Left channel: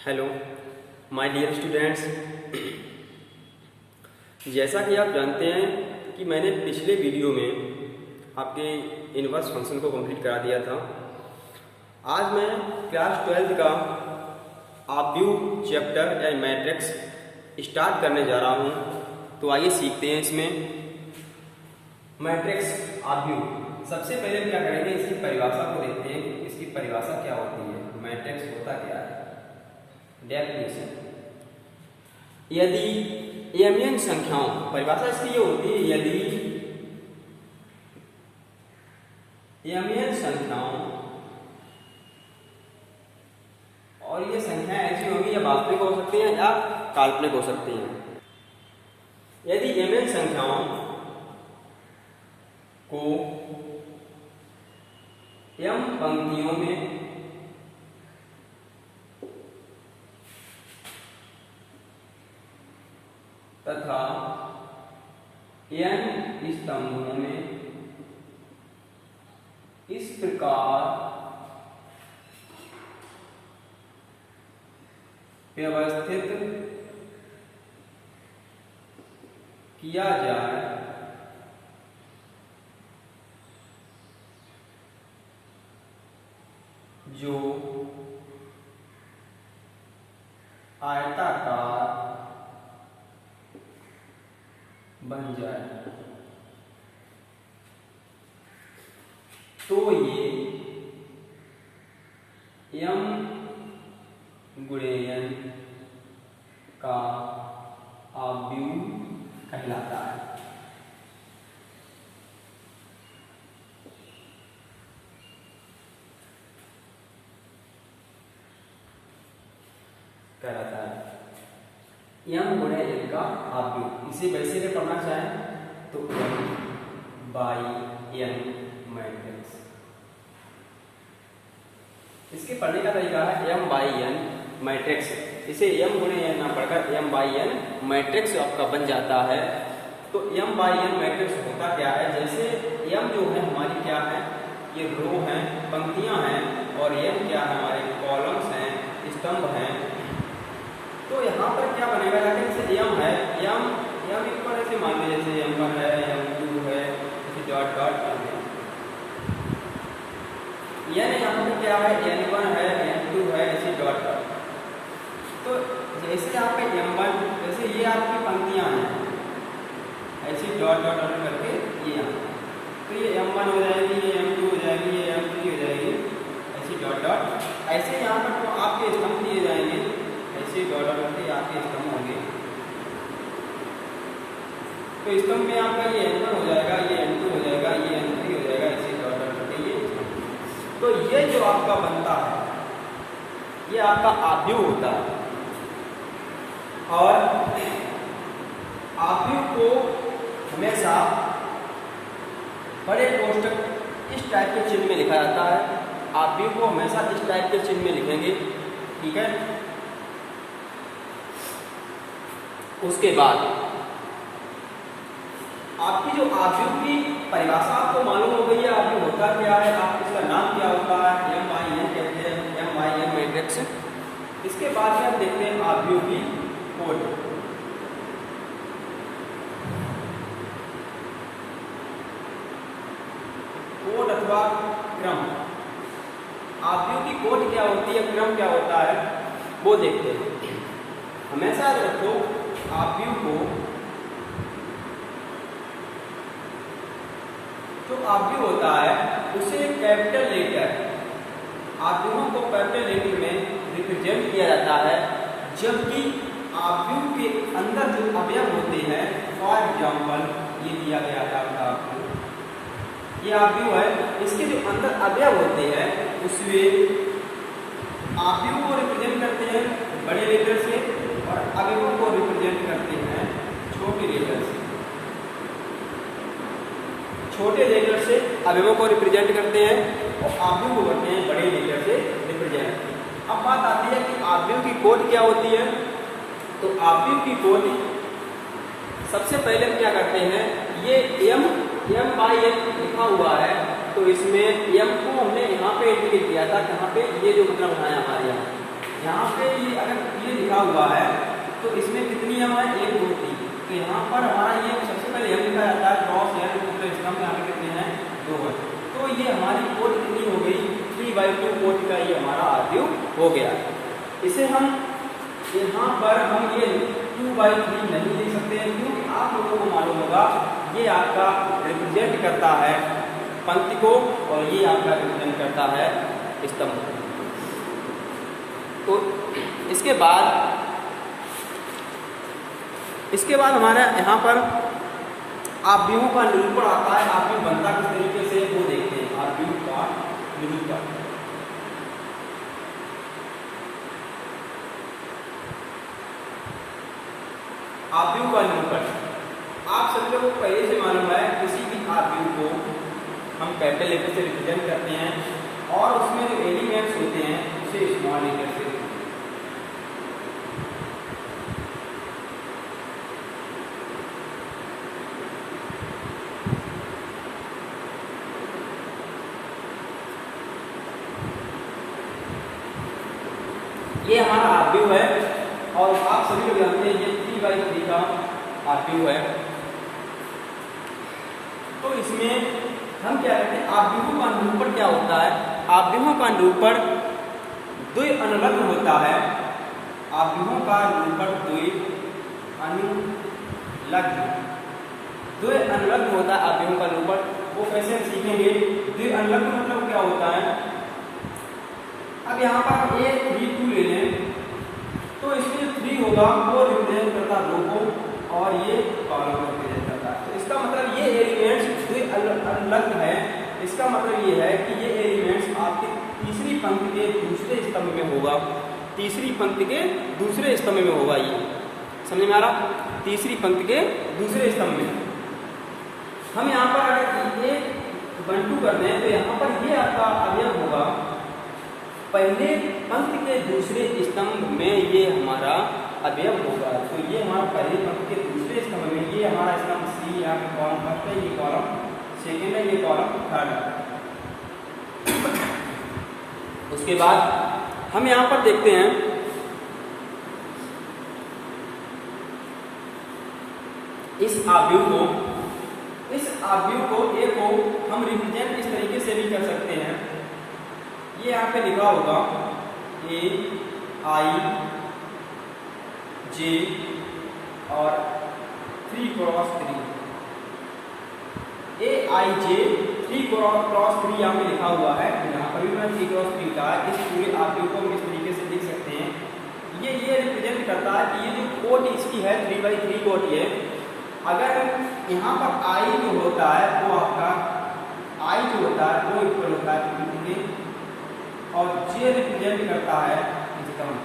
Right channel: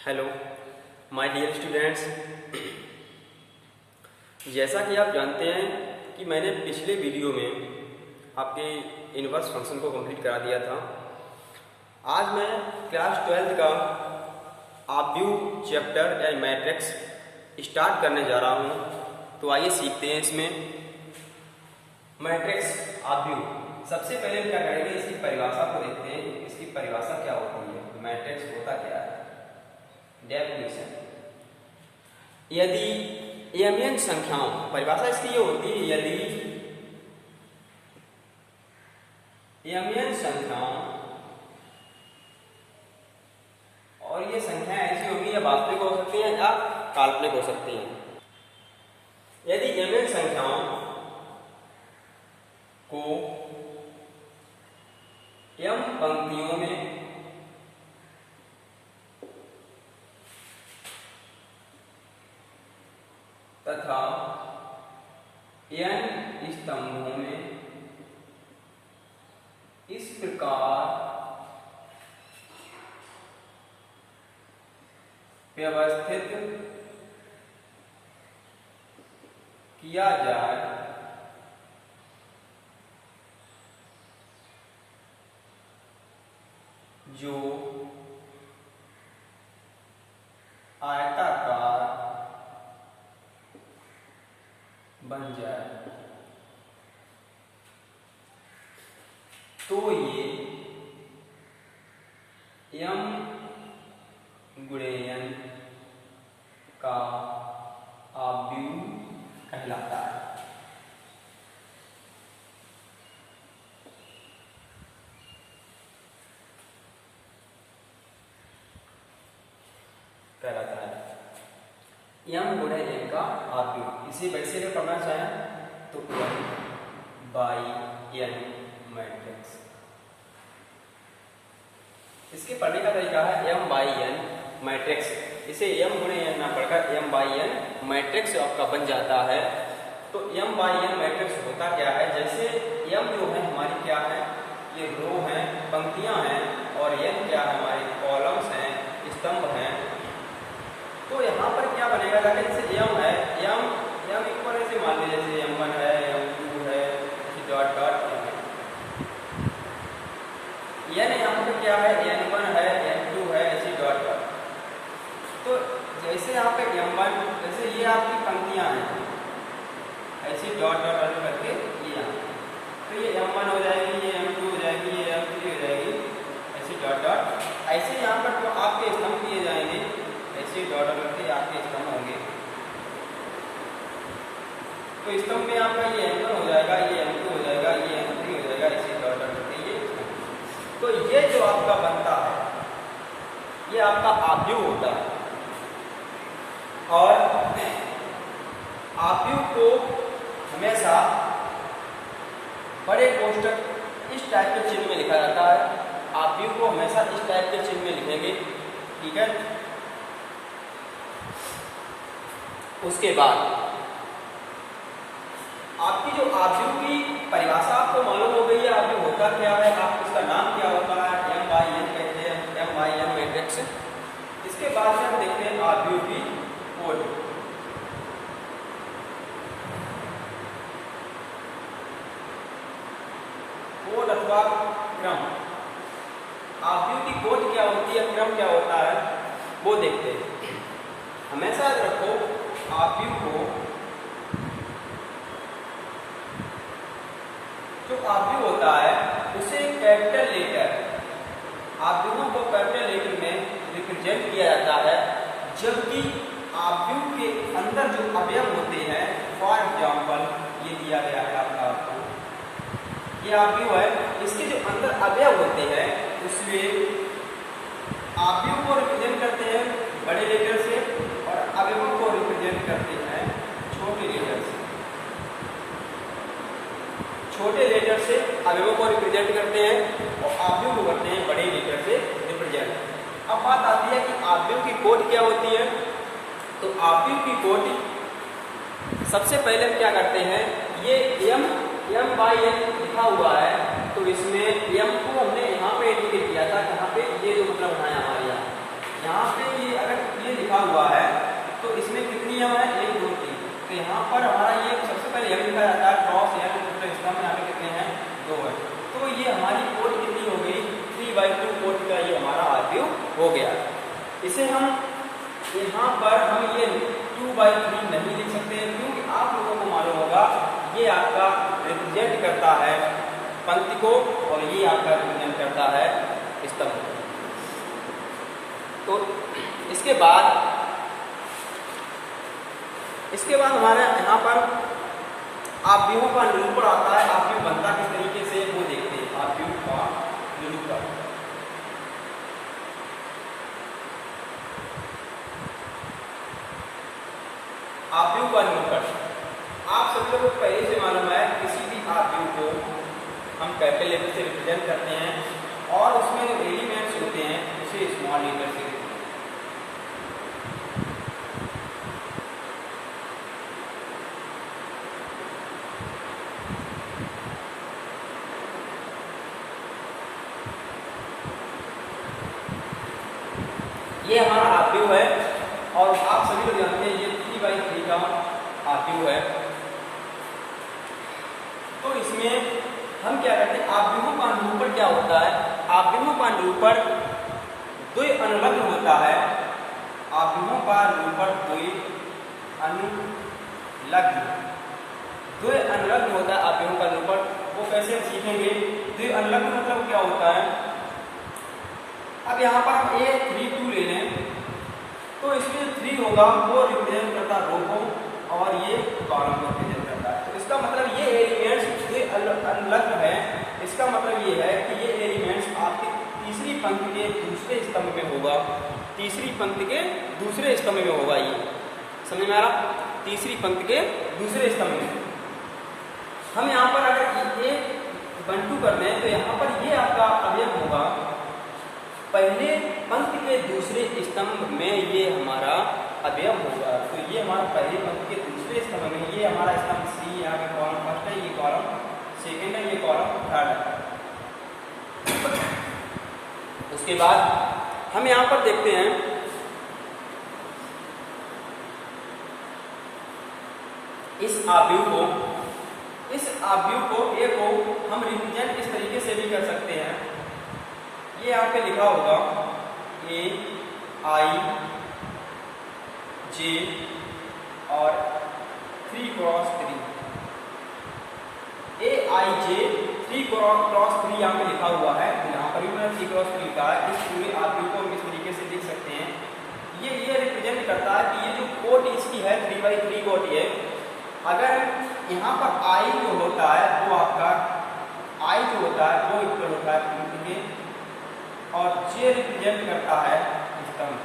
Hello my dear students, जैसा कि आप जानते हैं कि मैंने पिछले वीडियो में आपके इनवर्स फंक्शन को कंप्लीट करा दिया था। आज मैं क्लास 12 का ऑब्व्यू चैप्टर या मैट्रिक्स स्टार्ट करने जा रहा हूं। तो आइए सीखते हैं इसमें मैट्रिक्स ऑब्व्यू। सबसे पहले क्या करेंगे, इसकी परिभाषा को देखते हैं कि इसकी परिभाषा क्या होती है, मैट्रिक्स होता क्या है। डेफिनेशन, यदि mn संख्याओं, परिभाषा इसकी ये होती है, यदि mn संख्याओं, और ये संख्याएं ऐसी होंगी या वास्तविक हो सकती हैं या काल्पनिक हो सकती हैं। यदि mn संख्याओं को m पंक्तियों में तथा n स्तंभों में इस प्रकार व्यवस्थित किया जाए जो आयताकार बन जाए, तो ये m गुणे n का ऑब्व्यू कहलाता है। m गुणे n का ऑब्व्यू, इसे वैसे अगर पढ़ना चाहें तो m बाई n मैट्रिक्स। इसके पढ़ने का तरीका है m बाई n मैट्रिक्स। इसे m गुणे n ना पढ़कर m बाई n मैट्रिक्स आपका बन जाता है। तो m बाई n मैट्रिक्स होता क्या है, जैसे m जो है हमारी क्या है, ये रो हैं, पंक्तियां हैं, और n क्या है, हमारे कॉलम्स हैं, स्तंभ हैं। तो यहाँ पर क्या बनेगा, जैसे m है, m इक्वल ऐसे मान लीजिए, जैसे m1 है, m2 है, ऐसे डॉट डॉट n यहाँ पर क्या है, n1 है, n2 है, ऐसे डॉट डॉट। तो जैसे यहाँ पे m1, जैसे ये आपकी पंक्तियां हैं, ऐसे डॉट डॉट करके ये, तो ये m1 हो जाएगी, ये m2 हो जाएगी, ये m3 हो जाएगी, ऐसे डॉट डॉट। ऐसे यहाँ पर तो आपके स्तंभ दिए जाएंगे, ऐसे डॉट डॉट करके आपके स्तंभ होंगे। तो स्तंभ में आपका ये m1 हो जाएगा, ये m2 हो जाएगा, ये m3 हो जाएगा, ऐसे डॉट डॉट करके ये। तो ये जो आपका बनता है, ये आपका ऑब्व्यू होता है। और ऑब्व्यू को हमेशा बड़े कोष्टक इस टाइप के चिन्ह में लिखा जाता है। ऑब्व्यू को हमेशा इस टाइप के चिन्ह में लिखेंगे, ठीक है। उसके बाद आपकी जो ऑब्व्यू की परिभाषा आपको मालूम हो गई है, ऑब्व्यू होता क्या है, आप इसका नाम क्या होता है, m बाई n कहते हैं, m बाई n मैट्रिक्स। इसके बाद में हम देखते हैं ऑब्व्यू की कोड। कोड अथवा क्रम, ऑब्व्यू की कोड क्या होती है, क्रम क्या होता है, वो देखते हैं। हमेशा रखो ऑब्व्यू को, जो ऑब्व्यू होता है उसे कैपिटल लेटर, ऑब्व्यू को कैपिटल लेटर में रिप्रेजेंट किया जाता है। जबकि ऑब्व्यू के अंदर जो अवयव होते हैं, फॉर एग्जाम्पल ये दिया गया है आपको, ये ऑब्व्यू है, इसके जो अंदर अवयव होते हैं उसमें ऑब्व्यू को रिप्रेजेंट करते हैं बड़े लेटर से, और अवयवों को रिप्रेजेंट करते हैं छोटे लेटर से। छोटे लेटर से अवयवों को रिप्रेजेंट करते हैं और ऑब्व्यू को करते हैं बड़े लेटर से रिप्रेजेंट। अब बात आती है कि ऑब्व्यू की कोड क्या होती है। तो ऑब्व्यू की कोड सबसे पहले हम क्या करते हैं, ये m बाई n लिखा हुआ है, तो इसमें m को हमने यहाँ पे इंडिकेट किया था, यहाँ पे ये जो मतलब बनाया हमारे यहाँ पे ये अगर लिखा हुआ है तो इसमें कितनी यम है, 1 2 3। तो यहाँ पर हमारा ये सबसे पहले यम लिखा जाता है, क्रॉस यम पूरे स्तंभ यहाँ पे कितने हैं, 2 है। तो ये हमारी कोट कितनी हो गई, 3/2 कोट का ये हमारा आव्यूह हो गया। इसे हम यहाँ पर हम ये 2/3 नहीं लिख सकते क्योंकि आप लोगों को मालूम होगा ये आपका रिप्रेजेंट करता है पंक्ति को और ये आपका रिप्रेजेंट करता है स्तंभ को। तो इसके बाद हमारे यहाँ पर आव्यूहों का निरूपण आता है। आव्यूह बनता किस तरीके से वो देखते हैं, आव्यूह का निरूपण। आव्यूह का निरूपण आप सभी लोगों को पहले से मालूम है, किसी भी आव्यूह को हम कैपिटल लेटर से रिप्रेजेंट करते हैं और उसमें जो एलिमेंट्स होते हैं उसे स्मॉल लेटर से। ये हमारा आव्यूह है और आप सभी लोग जानते हैं ये 3/3 का आव्यूह है। तो इसमें हम क्या करते हैं, आव्यूहों का निरूपण क्या होता है, आव्यूहों का निरूपण द्वि अनुलग्न होता है। आव्यूहों का निरूपण द्वि अनुलग्न होता है। आव्यूहों का निरूपण वो कैसे हम सीखेंगे, द्वि अनुलग्न मतलब क्या होता है। अब यहाँ पर 1 3 2 ले लें तो इसमें 3 होगा वो रिप्रेजेंट करता रो को और ये कॉलम को रिप्रेजेंट करता है। तो इसका मतलब ये एलिमेंट्स अनुलग्न है। इसका मतलब ये है कि ये एलिमेंट्स आपकी तीसरी पंक्ति के दूसरे स्तंभ में होगा, तीसरी पंक्ति के दूसरे स्तंभ में होगा। ये समझ में आ रहा, तीसरी पंक्ति के दूसरे स्तंभ में। हम यहाँ पर अगर ये 1 2 कर दें तो यहाँ पर ये आपका अवयव होगा, पहले पंक्ति के दूसरे स्तंभ में ये हमारा अवयव होगा। तो ये हमारा पहले पंक्ति के दूसरे स्तंभ में ये हमारा स्तंभ सी, यहाँ पे कॉलम फर्स्ट है, ये कॉलम सेकेंड है, ये कॉलम थर्ड है। उसके बाद हम यहाँ पर देखते हैं इस आव्यूह को ए को हम रिप्रेजेंट इस तरीके से भी कर सकते हैं। ये यहाँ पे लिखा होगा A I J और 3 cross 3, A I J 3 cross 3 यहाँ पे लिखा हुआ है। यहाँ पर भी मैंने 3 क्रॉस 3 का है। इस पूरे आव्यूह को हम इस तरीके से देख सकते हैं। ये रिप्रेजेंट करता है कि ये जो कोट इसकी है 3/3 कोट है। अगर यहाँ पर I जो होता है वो आपका I जो होता है वो इक्वल होता है पंक्ति के और J रिप्रेजेंट करता है स्तंभ।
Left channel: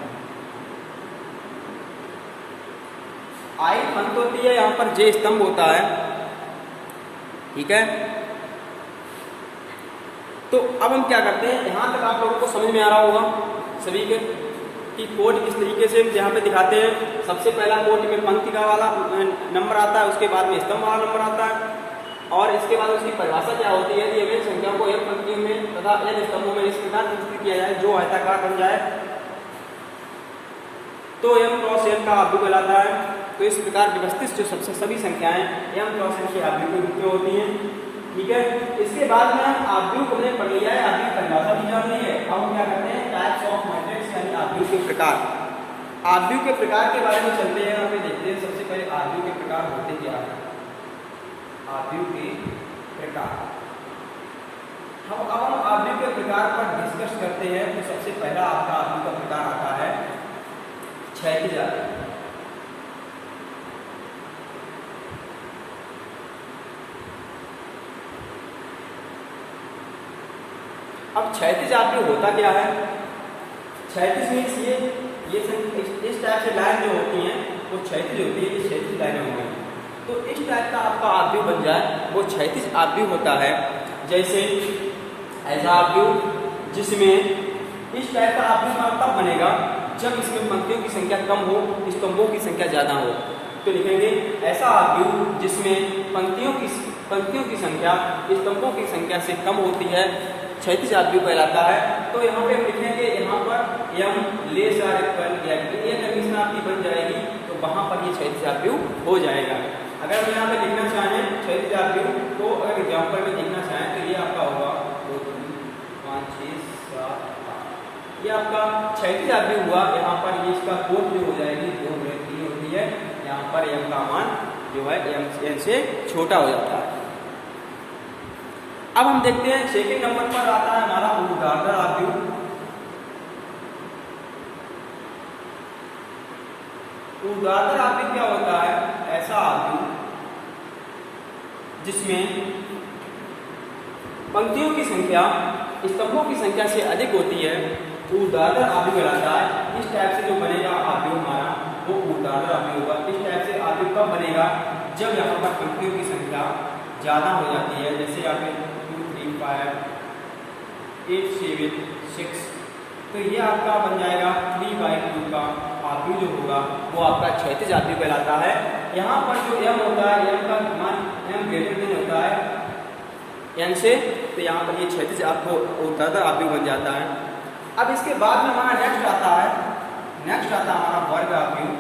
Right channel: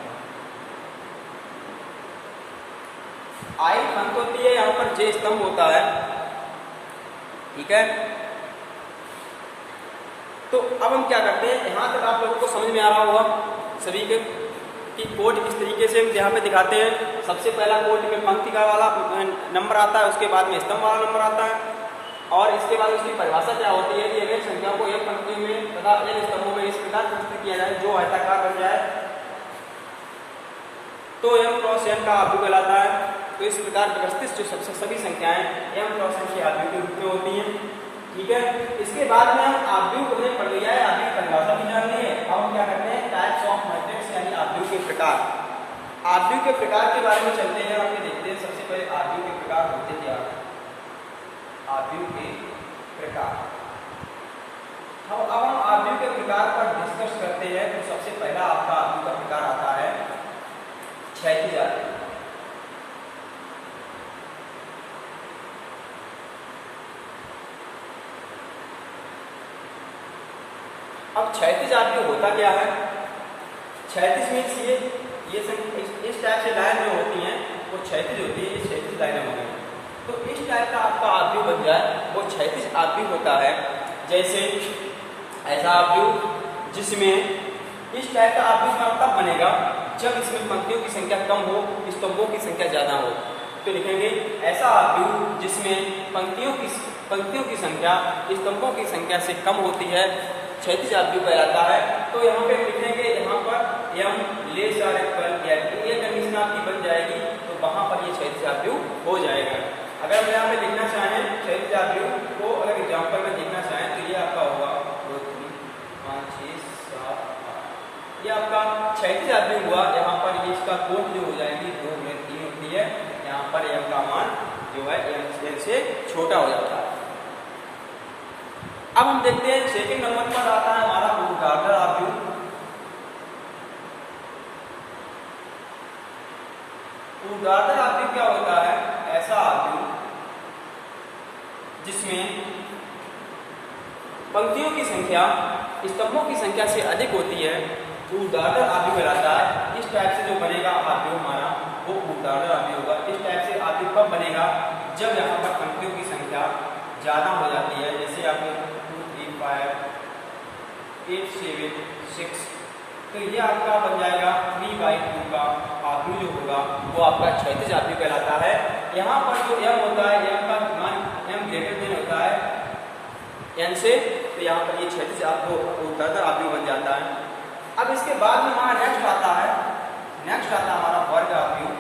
I पंक्ति होती है, यहाँ पर J स्तंभ होता है। ठीक है, तो अब हम क्या करते हैं, यहाँ तक आप लोगों को समझ में आ रहा होगा सभी के कि कोड किस तरीके से यहाँ पे दिखाते हैं। सबसे पहला कोड में पंक्ति का वाला नंबर आता है, उसके बाद में स्तंभ वाला नंबर आता है और इसके बाद उसकी परिभाषा क्या होती है कि अनेक संख्याओं को एक पंक्तियों में तथा n स्तंभों में इस प्रकार प्रस्तुत किया जाए जो आयताकार बन जाए तो m क्रॉस n का आव्यूह कहलाता है। तो इस प्रकार व्यवस्थित जो सभी संख्याएं m क्रॉस n के आव्यूह के रूप में होती हैं। ठीक है, इसके बाद में हम आव्यूह को हमने पढ़ लिया है, आव्यूह की परिभाषा भी जान ली है। अब हम क्या करते हैं, टाइप्स ऑफ मैट्रिक्स यानी आव्यूह के प्रकार। आव्यूह के प्रकार के बारे में चलते हैं, हम देखते हैं सबसे पहले आव्यूह के प्रकार होते क्या है। आव्यूह के प्रकार, अब हम आव्यूह के प्रकार पर डिस्कस करते हैं। तो सबसे पहला आपका आव्यूह का प्रकार आता है क्षैतिज आव्यूह। अब क्षैतिज आव्यूह होता क्या है, क्षैतिज मीन्स ये इस टाइप से लाइन जो होती हैं वो क्षैतिज होती है, ये क्षैतिज लाइन होती है। तो इस टाइप का आपका आव्यूह बन जाए वो क्षैतिज आव्यूह होता है। जैसे ऐसा आव्यूह जिसमें इस टाइप का आव्यूह तब बनेगा जब इसमें पंक्तियों की संख्या कम हो, स्तंभों की संख्या ज्यादा हो। तो लिखेंगे ऐसा आव्यूह जिसमें पंक्तियों की संख्या स्तंभों की संख्या से कम होती है क्षैतिज आव्यूह कहलाता है। तो यहाँ पे लिखेंगे, यहाँ पर m लेस आर इक्वल या क्षैतिज आव्यूह हो जाएगा। अगर हम यहाँ पे लिखना चाहें क्षैतिज आव्यूह तो अगर एग्जाम्पल में लिखना चाहें तो ये आपका होगा 2 3 5 6 7 8, ये आपका क्षैतिज आव्यूह हुआ। यहाँ पर ये इसका कोट जो हो जाएगी 2 में 3 होती है, यहाँ पर m का मान जो है n से छोटा हो जाता है। अब हम देखते हैं सेकंड नंबर पर आता है हमारा ऊर्ध्वाधर आव्यूह। ऊर्ध्वाधर आव्यूह क्या होता है? ऐसा आव्यूह जिसमें पंक्तियों की संख्या स्तंभों की संख्या से अधिक होती है, ऊर्ध्वाधर आव्यूह कहलाता है। इस टाइप से जो बनेगा आव्यूह हमारा वो ऊर्ध्वाधर आव्यूह होगा। इस टाइप से आव्यूह कब बनेगा? जब यहाँ पर पंक्तियों की संख्या ज्यादा हो जाती है, जैसे आपने 2 3 5 8 7 6, तो ये आपका बन जाएगा 3/2 का आव्यूह जो होगा वो आपका क्षैतिज आव्यूह कहलाता है। यहाँ पर जो m होता है, m का मान m ग्रेटर देन होता है n से, तो यहाँ पर ये क्षैतिज ऊर्ध्वाधर आव्यूह बन जाता है। अब इसके बाद में हमारा नेक्स्ट आता है हमारा वर्ग आव्यूह।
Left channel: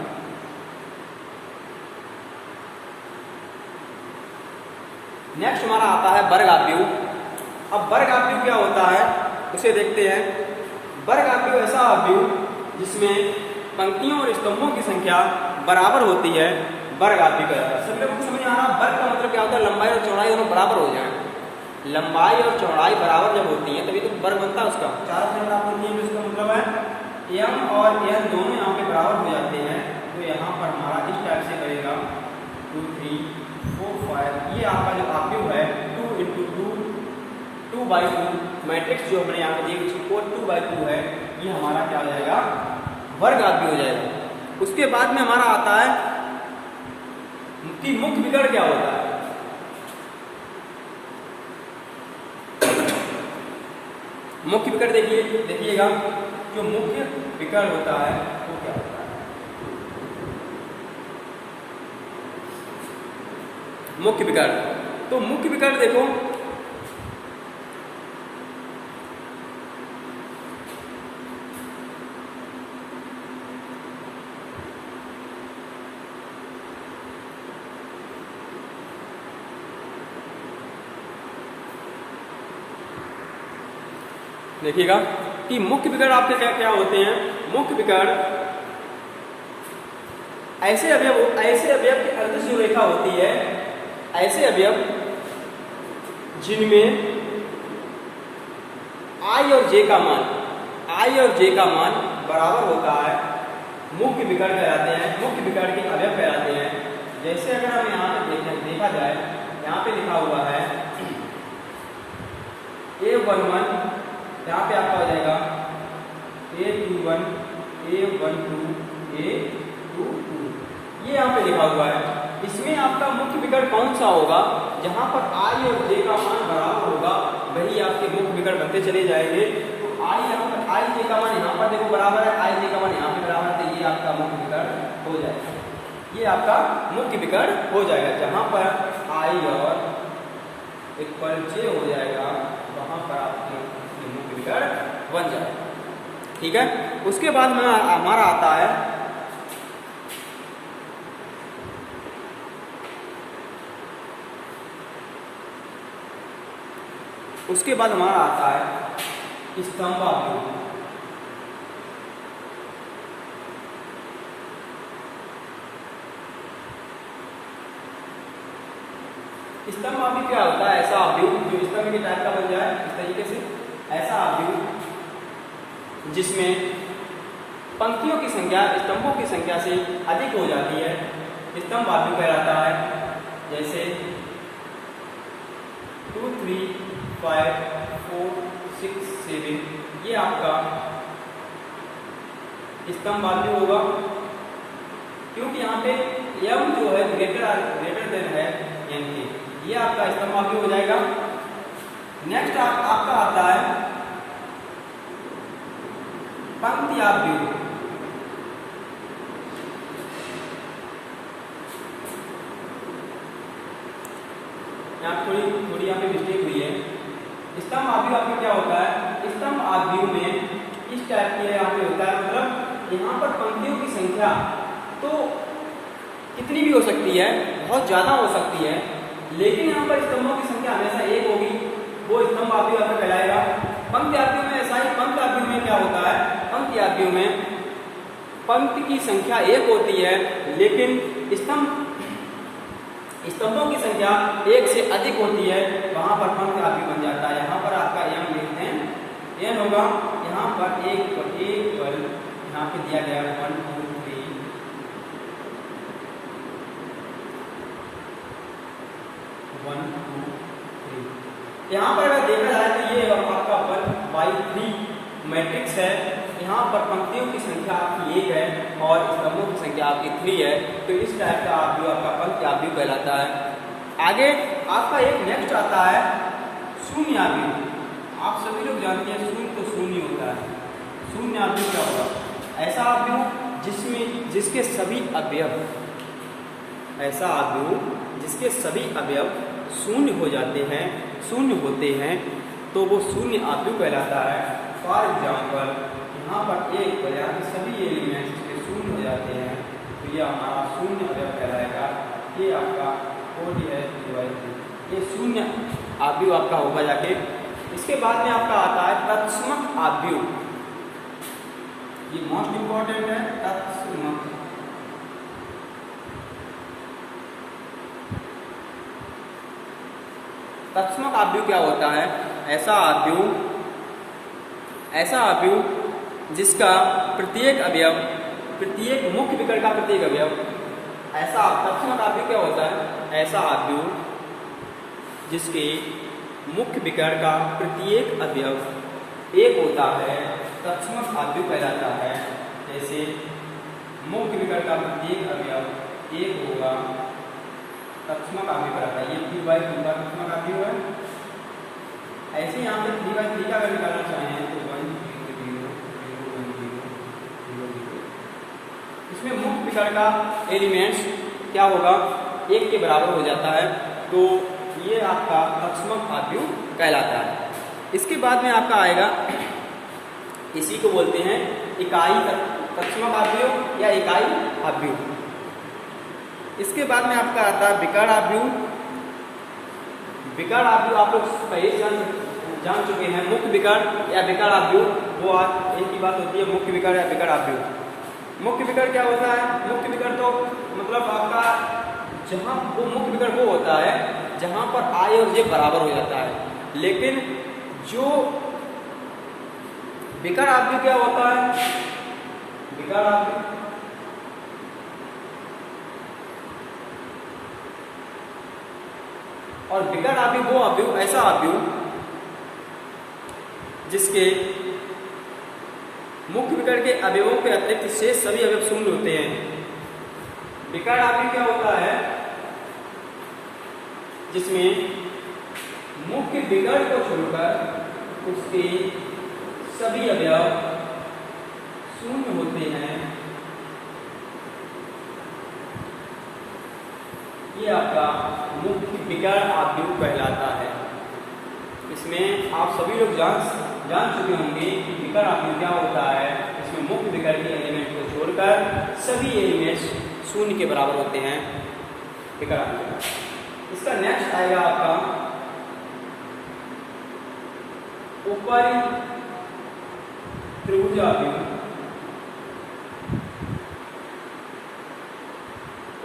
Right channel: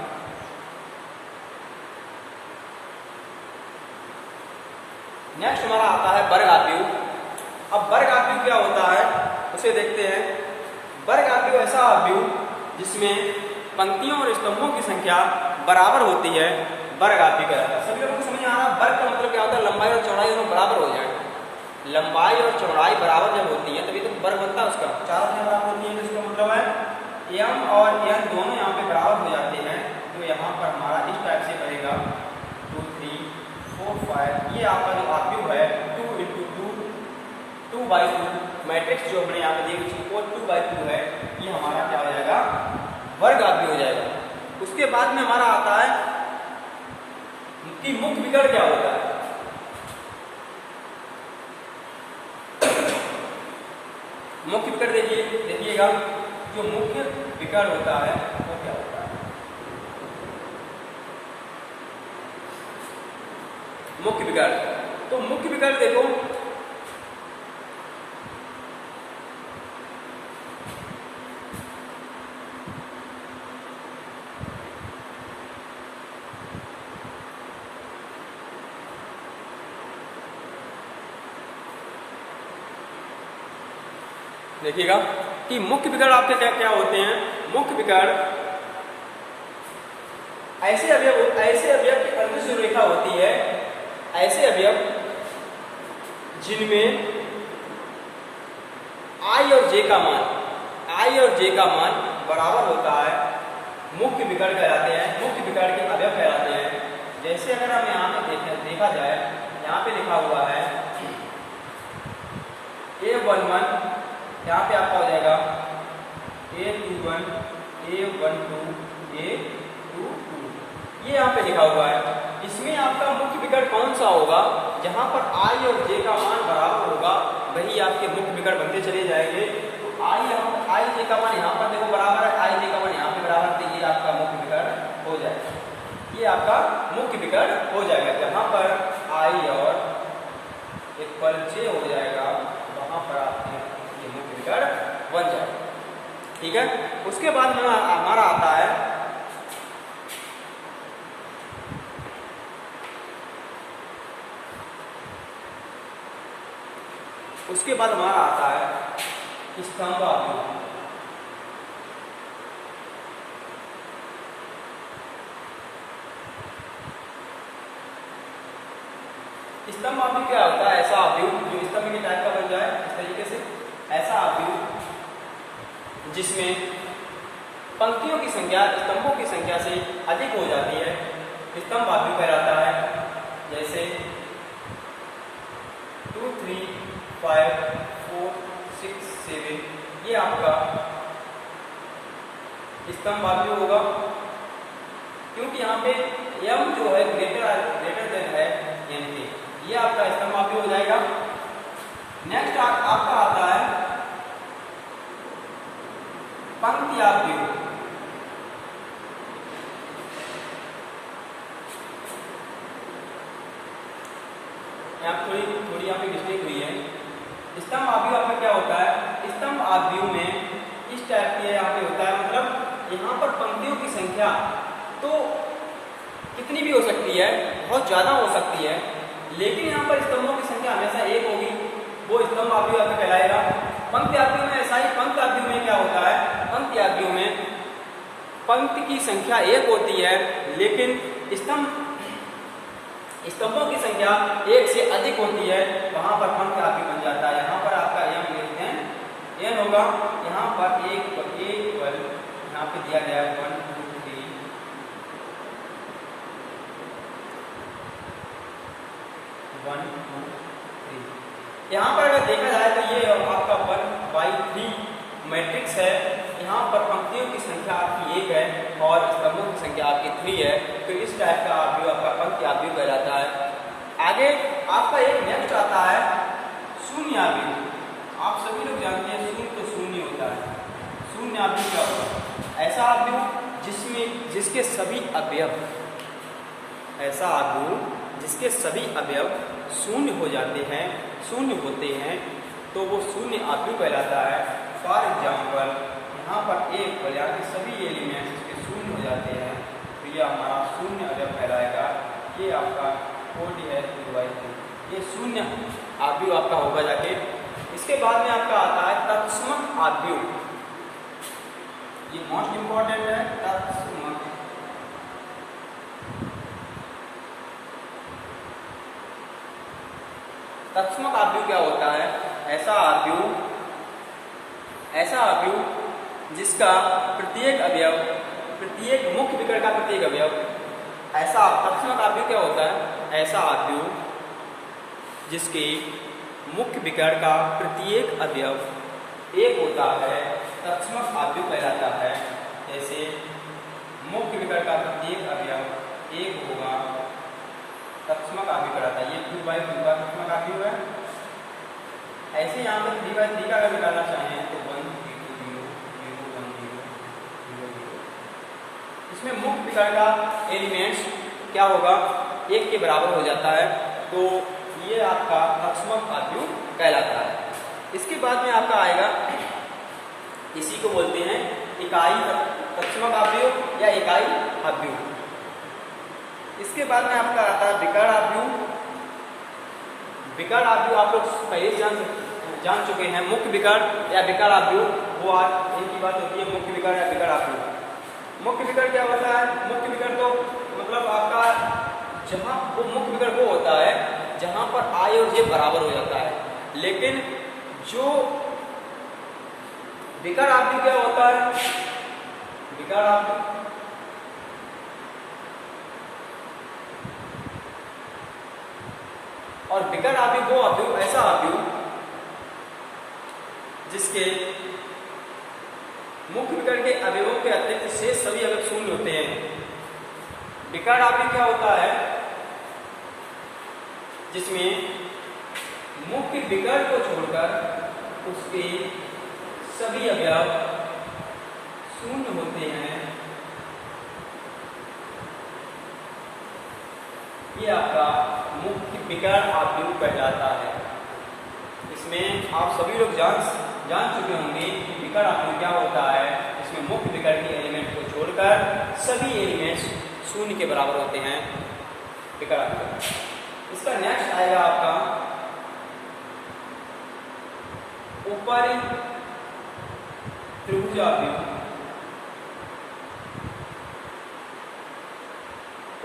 नेक्स्ट हमारा आता है वर्ग आव्यूह। अब वर्ग आव्यूह क्या होता है उसे देखते हैं। वर्ग आव्यूह ऐसा आव्यूह जिसमें पंक्तियों और स्तंभों की संख्या बराबर होती है, वर्ग आव्यूह कहलाता है। सभी लोगों को समझ आ रहा है? वर्ग का मतलब क्या होता है? लंबाई और चौड़ाई दोनों बराबर हो जाए। लंबाई और चौड़ाई बराबर जब होती है तभी तो वर्ग बनता है उसका। चारों से बराबर होती है, इसका मतलब है m और n दोनों यहाँ पे बराबर हो जाते हैं। तो यहाँ पर हमारा इस टाइप से बनेगा 2 3 4 5। ये आपका जो आव्यूह है 2 × 2 2/2 मैट्रिक्स जो हमने यहाँ पर दिया 2/2 है, ये हमारा क्या हो जाएगा? वर्ग आव्यूह हो जाएगा। उसके बाद में हमारा आता है कि मुख्य विकर्ण क्या होता है। मुख्य विकर्ण देखिएगा, जो मुख्य विकर्ण होता है वो क्या होता है? मुख्य विकर्ण, तो मुख्य विकर्ण देखो देखिएगा कि मुख्य विकर्ण आपके क्या क्या होते हैं। मुख्य विकर्ण ऐसे अवयव की अर्धसम रेखा होती है, ऐसे अवयव जिनमें I और J का मान बराबर होता है, मुख्य विकर्ण कहलाते हैं। मुख्य विकर्ण के अवयव कहलाते हैं। जैसे अगर हम यहाँ पे देखा जाए, यहाँ पे लिखा हुआ है A11, यहाँ पे आपका हो जाएगा A21 A12 A22, ये यहाँ पे लिखा हुआ है। इसमें आपका मुख्य विकर्ण कौन सा होगा? जहाँ पर I और J का मान बराबर होगा वही आपके मुख्य विकर्ण बनते चले जाएंगे। तो I J का मान यहाँ पर देखो बराबर है, I J का मान यहाँ पे बराबर है, तो ये आपका मुख्य विकर्ण हो जाएगा। ये आपका मुख्य विकर्ण हो जाएगा। जहाँ पर I और इक्वल J हो जाएगा वहाँ पर आपके मुख्य विकर्ण बन जाएगा। ठीक है। उसके बाद हमारा आता है स्तंभ आव्यूह। स्तंभ आव्यूह क्या होता है? ऐसा आव्यूह जो स्तंभ के टाइप का बन जाए, इस तरीके से ऐसा आव्यूह जिसमें पंक्तियों की संख्या स्तंभों की संख्या से अधिक हो जाती है, स्तंभ आव्यूह कहलाता है। जैसे 2 3 5 4 6 7, ये आपका स्तंभ आव्यूह होगा, क्योंकि यहाँ पे m जो है ग्रेटर देन है n के, ये आपका स्तंभ आव्यूह हो जाएगा। नेक्स्ट आपका आता है पंक्ति आव्यूह। यहाँ थोड़ी यहाँ पे मिस्टेक हुई है। स्तंभ आव्यूह आपका क्या होता है? स्तंभ आव्यूह में इस टाइप के यहाँ पे होता है, मतलब यहाँ पर पंक्तियों की संख्या तो कितनी भी हो सकती है, बहुत ज़्यादा हो सकती है, लेकिन यहाँ पर स्तंभों की संख्या हमेशा एक होगी, वो स्तंभ आव्यूह आपका कहलाएगा। पंक्ति आव्यूह में ऐसा ही, पंक्ति आव्यूह में क्या होता है, पंक्ति आव्यूह में पंक्ति की संख्या एक होती है, लेकिन स्तंभों की संख्या एक से अधिक होती है, वहां पर पंक्ति आव्यूह बन जाता है। यहाँ पर आपका एम लिखते हैं, एन होगा, यहाँ पर एक पर यहाँ पे दिया गया 1 2 3 1 2 3। यहाँ पर अगर देखा जाए तो ये आपका 1/3 मैट्रिक्स है। यहाँ पर पंक्तियों की संख्या आपकी 1 है और स्तंभों की संख्या आपकी 3 है, तो इस टाइप का आव्यूह आपका पंक्ति आव्यूह कहलाता है। आगे आपका एक नेक्स्ट आता है शून्य आव्यूह। आप सभी लोग जानते हैं शून्य तो शून्य होता है। शून्य आव्यूह क्या होगा, ऐसा आव्यूह जिसके सभी अवयव, ऐसा आव्यूह जिसके सभी अवयव शून्य हो जाते हैं, शून्य होते हैं, तो वो शून्य आव्यूह कहलाता है। फॉर एग्जाम्पल यहाँ पर एक पर यहाँ के सभी एलिमेंट्स के शून्य हो जाते हैं, तो ये हमारा शून्य अवयव कहलाएगा। ये आपका कोड है 2/3, ये शून्य आव्यूह आपका होगा जाके। इसके बाद में आपका आता है तत्समक आव्यूह। ये मोस्ट इंपॉर्टेंट है, तत्समक। तत्समक आव्यूह क्या होता है, ऐसा आव्यूह जिसका प्रत्येक अवयव, प्रत्येक मुख्य विकर्ण का प्रत्येक अवयव, ऐसा तत्समक आव्यूह क्या होता है, ऐसा आव्यूह जिसके मुख्य विकर्ण का प्रत्येक अवयव एक होता है, तत्समक आव्यूह कहलाता है। जैसे मुख्य विकर्ण का प्रत्येक अवयव एक होगा, तत्समक आव्यूह कहलाता है। ये 2/2 का तत्समक आव्यूह है। ऐसे यहाँ पर 3/3 का अगर निकालना चाहें तो 1 0 0 1 0 0 0। इसमें मुख्य विकर्ण का एलिमेंट्स क्या होगा, 1 के बराबर हो जाता है, तो ये आपका तत्समक आव्यूह कहलाता है। इसके बाद में आपका आएगा, इसी को बोलते हैं इकाई तत्समक आव्यूह या इकाई आव्यूह। इसके बाद में आपका आता है विकर्ण आव्यूह। विकर्ण आव्यूह आप लोग पहले जान चुके हैं, मुख्य विकर्ण या विकर्ण आव्यूह, वो आज इनकी बात होती है, मुख्य विकर्ण या विकर्ण आव्यूह। मुख्य विकर्ण क्या होता है, मुख्य विकर्ण तो मतलब आपका जहाँ वो मुख्य विकर्ण वो होता है जहाँ पर I और J बराबर हो जाता है। लेकिन जो विकर्ण आव्यूह क्या होता है, विकर्ण आव्यूह और विकर्ण आव्यूह वो आव्यूह, ऐसा आव्यूह जिसके मुख्य विकर्ण के अवयवों के अतिरिक्त शेष सभी अवयव शून्य होते हैं। विकर्ण आव्यूह क्या होता है, जिसमें मुख्य विकर्ण को छोड़कर उसके सभी अवयव शून्य होते हैं। ये आपका मुख्य विकर्ण आव्यूह कहलाता है। इसमें आप सभी लोग जान चुके होंगे कि विकर्ण आव्यूह क्या होता है। इसमें मुख्य विकर्ण के एलिमेंट को छोड़कर सभी एलिमेंट्स शून्य के बराबर होते हैं, विकर्ण आव्यूह। इसका नेक्स्ट आएगा आपका ऊपरी त्रिभुज आव्यूह।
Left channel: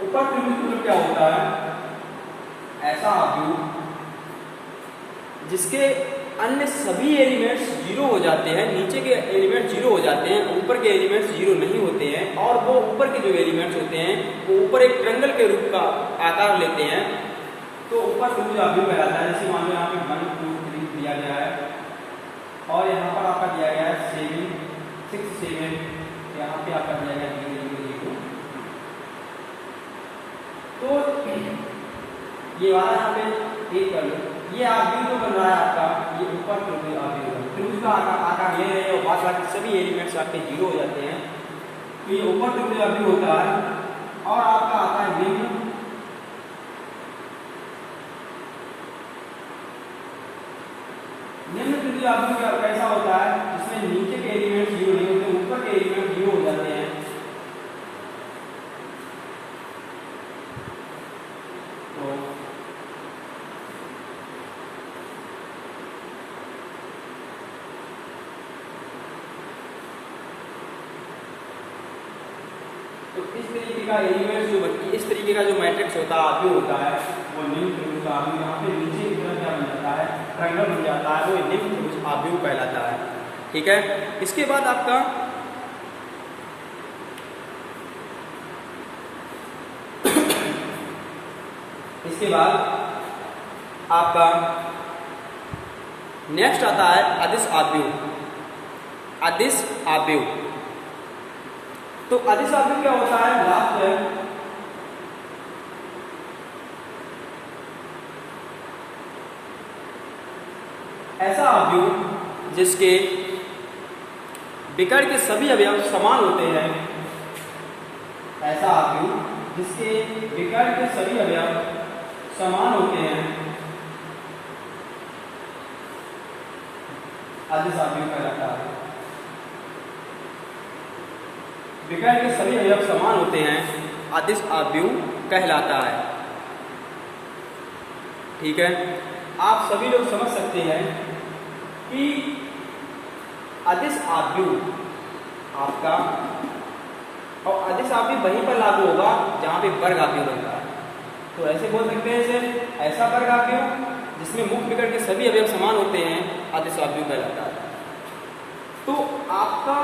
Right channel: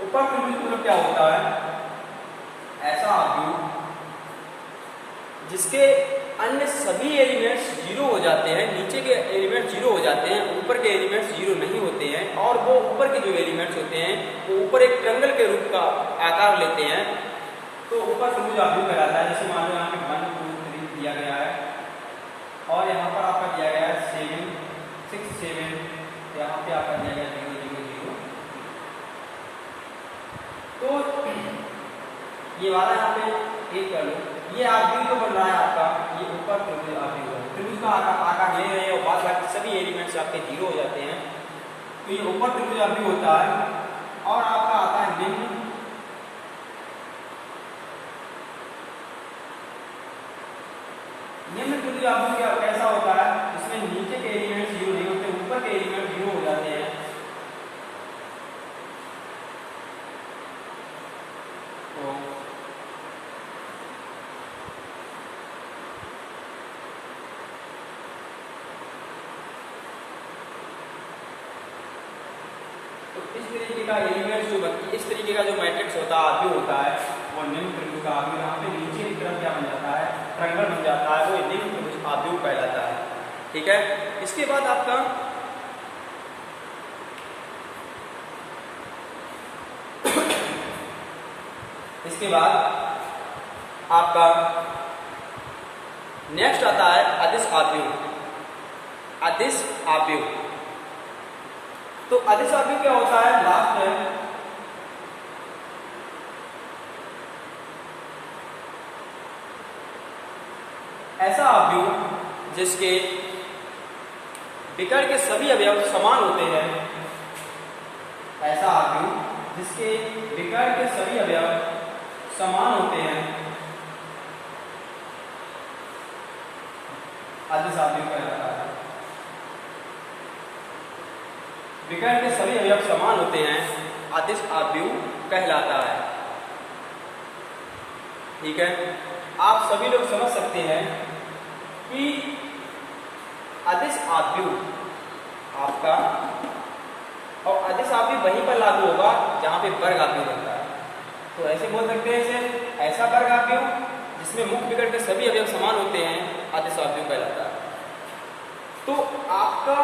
ऊपर त्रिभुज मतलब क्या होता है, ऐसा आव्यूह जिसके अन्य सभी एलिमेंट्स जीरो हो जाते हैं, नीचे के एलिमेंट जीरो हो जाते हैं, ऊपर के एलिमेंट्स जीरो नहीं होते हैं, और वो ऊपर के जो एलिमेंट्स होते हैं वो ऊपर एक ट्रायंगल के रूप का आकार लेते हैं, तो ऊपर त्रिभुज आव्यूह कहलाता है। जैसे मान लो यहाँ पे 1 2 3 दिया गया है और यहाँ पर आपका दिया गया है 7 6 7, यहाँ पे आपका दिया गया 0 0 0। तो ये वाला यहाँ पे एक कर लो, ये आव्यूह जो बन रहा है आपका, ये ऊपर त्रिभुज आव्यूह है। त्रिभुज का आकार ले रहे हैं और बाद बाकी सभी एलिमेंट्स आपके जीरो हो जाते हैं, तो ये ऊपर त्रिभुज आव्यूह होता है। और आपका आता है निम्न त्रिभुज आव्यूह कैसा होता है, जिसमें नीचे के एलिमेंट्स जीरो नहीं होते, ऊपर के एलिमेंट जीरो हो जाते हैं। तो इस तरीके का एलिमेंट जो इस तरीके का जो मैट्रिक्स होता है आव्यूह होता है वो निम्न त्रिभुज का आव्यूह, यहाँ पे नीचे की तरफ क्या बन जाता है, ट्रायंगल बन जाता है, वो निम्न त्रिभुज आव्यूह कहलाता है। ठीक है, इसके बाद आपका नेक्स्ट आता है अदिश आव्यूह। अदिश आव्यूह, तो अदिश आव्यूह क्या होता है, लास्ट है ऐसा आव्यूह जिसके विकर्ण के सभी अवयव समान होते हैं। ऐसा आव्यूह जिसके विकर्ण के सभी अवयव समान होते हैं, अदिश आव्यूह कहलाता है। विकर्ण के सभी अवयव समान होते हैं, अदिश आव्यूह कहलाता है। ठीक है, आप सभी लोग समझ सकते हैं कि अदिश आव्यूह आपका, और अदिश आव्यूह वहीं पर लागू होगा जहां पे वर्ग आव्यूह होता है। तो ऐसे बोल सकते हैं इसे, ऐसा वर्ग आव्यूह जिसमें मुख्य विकर्ण के सभी अवयव समान होते हैं, अदिश आव्यूह कहलाता है। तो आपका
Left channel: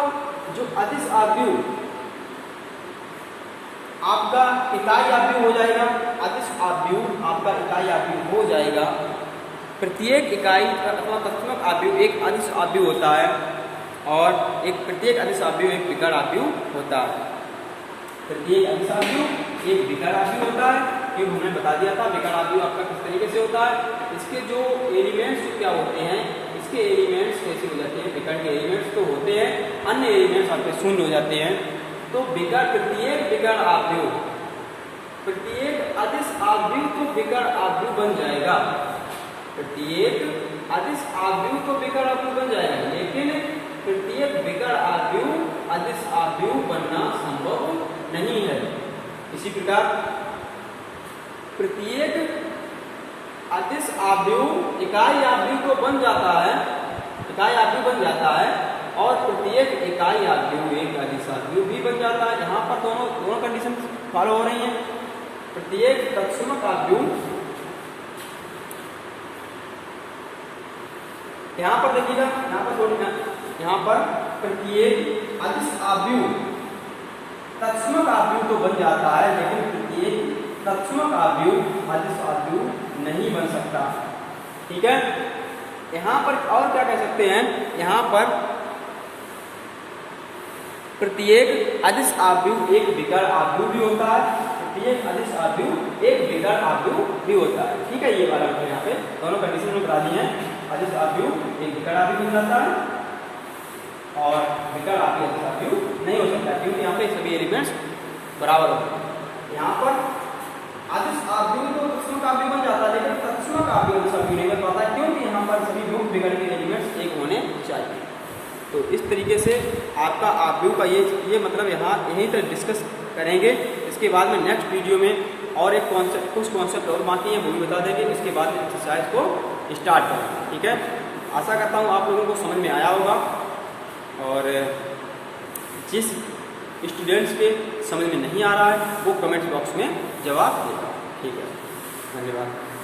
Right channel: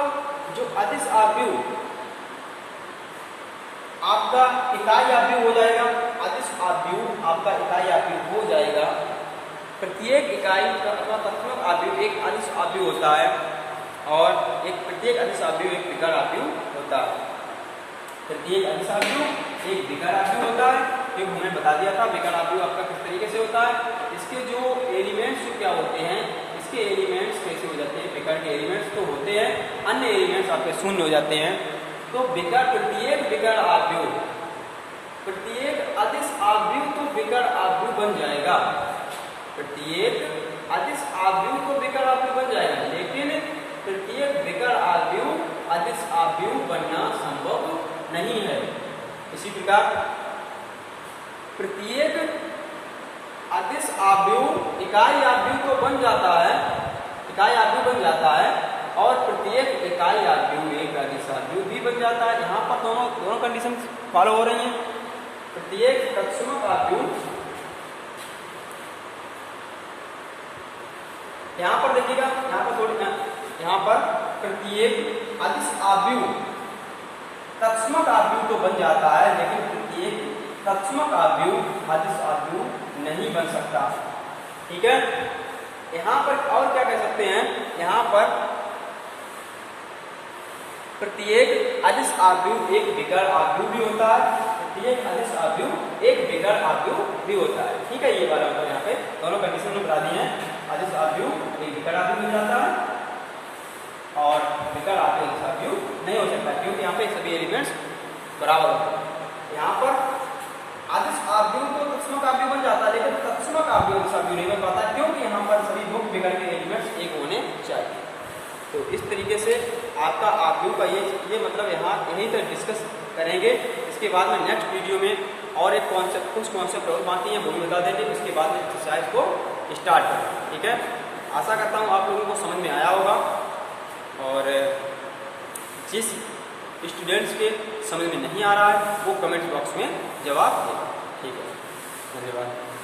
जो अदिश आव्यूह आपका इकाई आव्यूह हो जाएगा, अदिश आव्यूह आपका इकाई आव्यूह हो जाएगा। प्रत्येक इकाई अथवा तत्समक आव्यूह एक अदिश आव्यूह होता है, और एक प्रत्येक अदिश आव्यूह एक विकर्ण आव्यूह होता है। प्रत्येक अदिश आव्यूह एक विकर्ण आव्यूह होता है, क्योंकि हमने बता दिया था विकर्ण आव्यूह आपका किस तरीके से होता है। इसके जो एलिमेंट्स क्या होते हैं, इसके एलिमेंट्स कैसे हो जाते हैं, विकर्ण के एलिमेंट्स तो होते हैं, अन्य एलिमेंट्स आपके शून्य हो जाते हैं। तो प्रत्येक विकर्ण आव्यूह, प्रत्येक अदिश आव्यूह तो विकर्ण आव्यूह बन जाएगा, प्रत्येक अदिश आव्यूह तो विकर्ण आव्यूह बन जाएगा, लेकिन प्रत्येक विकर्ण आव्यूह अदिश आव्यूह बनना संभव नहीं है। इसी प्रकार प्रत्येक अदिश आव्यूह इकाई आव्यूह तो बन जाता है, इकाई आव्यूह बन जाता है, और प्रत्येक इकाई आव्यूह एक अदिश आव्यूह भी बन जाता है। यहाँ पर दोनों कंडीशन फॉलो हो रही हैं। प्रत्येक तत्समक आव्यूह, यहाँ पर देखिएगा, यहाँ पर प्रत्येक अदिश आव्यूह तत्समक आव्यूह तो बन जाता है, लेकिन प्रत्येक तत्समक आव्यूह अदिश आव्यूह नहीं बन सकता। ठीक है, यहाँ पर और क्या कह सकते हैं, यहाँ पर प्रत्येक अदिश आव्यूह एक विकर्ण आव्यूह भी होता है, प्रत्येक अदिश आव्यूह एक विकर्ण आव्यूह भी होता है। ठीक है, ये वाला यहाँ पे दोनों कंडीशन में बता दी है। अदिश आव्यूह एक विकर्ण आव्यूह बन जाता है, और विकर्ण आव्यूह अदिश आव्यूह नहीं हो सकता, क्योंकि यहाँ पे सभी एलिमेंट्स बराबर होते हैं। यहाँ पर अदिश आव्यूह तो तत्समक आव्यूह बन जाता है, लेकिन तत्समक आव्यूह अदिश आव्यूह नहीं बन पाता, क्योंकि यहाँ पर सभी मुख्य विकर्ण के एलिमेंट्स एक होने चाहिए। तो इस तरीके से आपका आव्यूह का ये मतलब यहीं पर डिस्कस करेंगे। इसके बाद में नेक्स्ट वीडियो में और एक कुछ कॉन्सेप्ट और बाकी हैं वो भी बता देंगे। इसके बाद में एक्सरसाइज को स्टार्ट करेंगे। ठीक है, आशा करता हूँ आप लोगों को समझ में आया होगा, और जिस स्टूडेंट्स के समझ में नहीं आ रहा है वो कमेंट बॉक्स में जवाब देगा। ठीक है, धन्यवाद।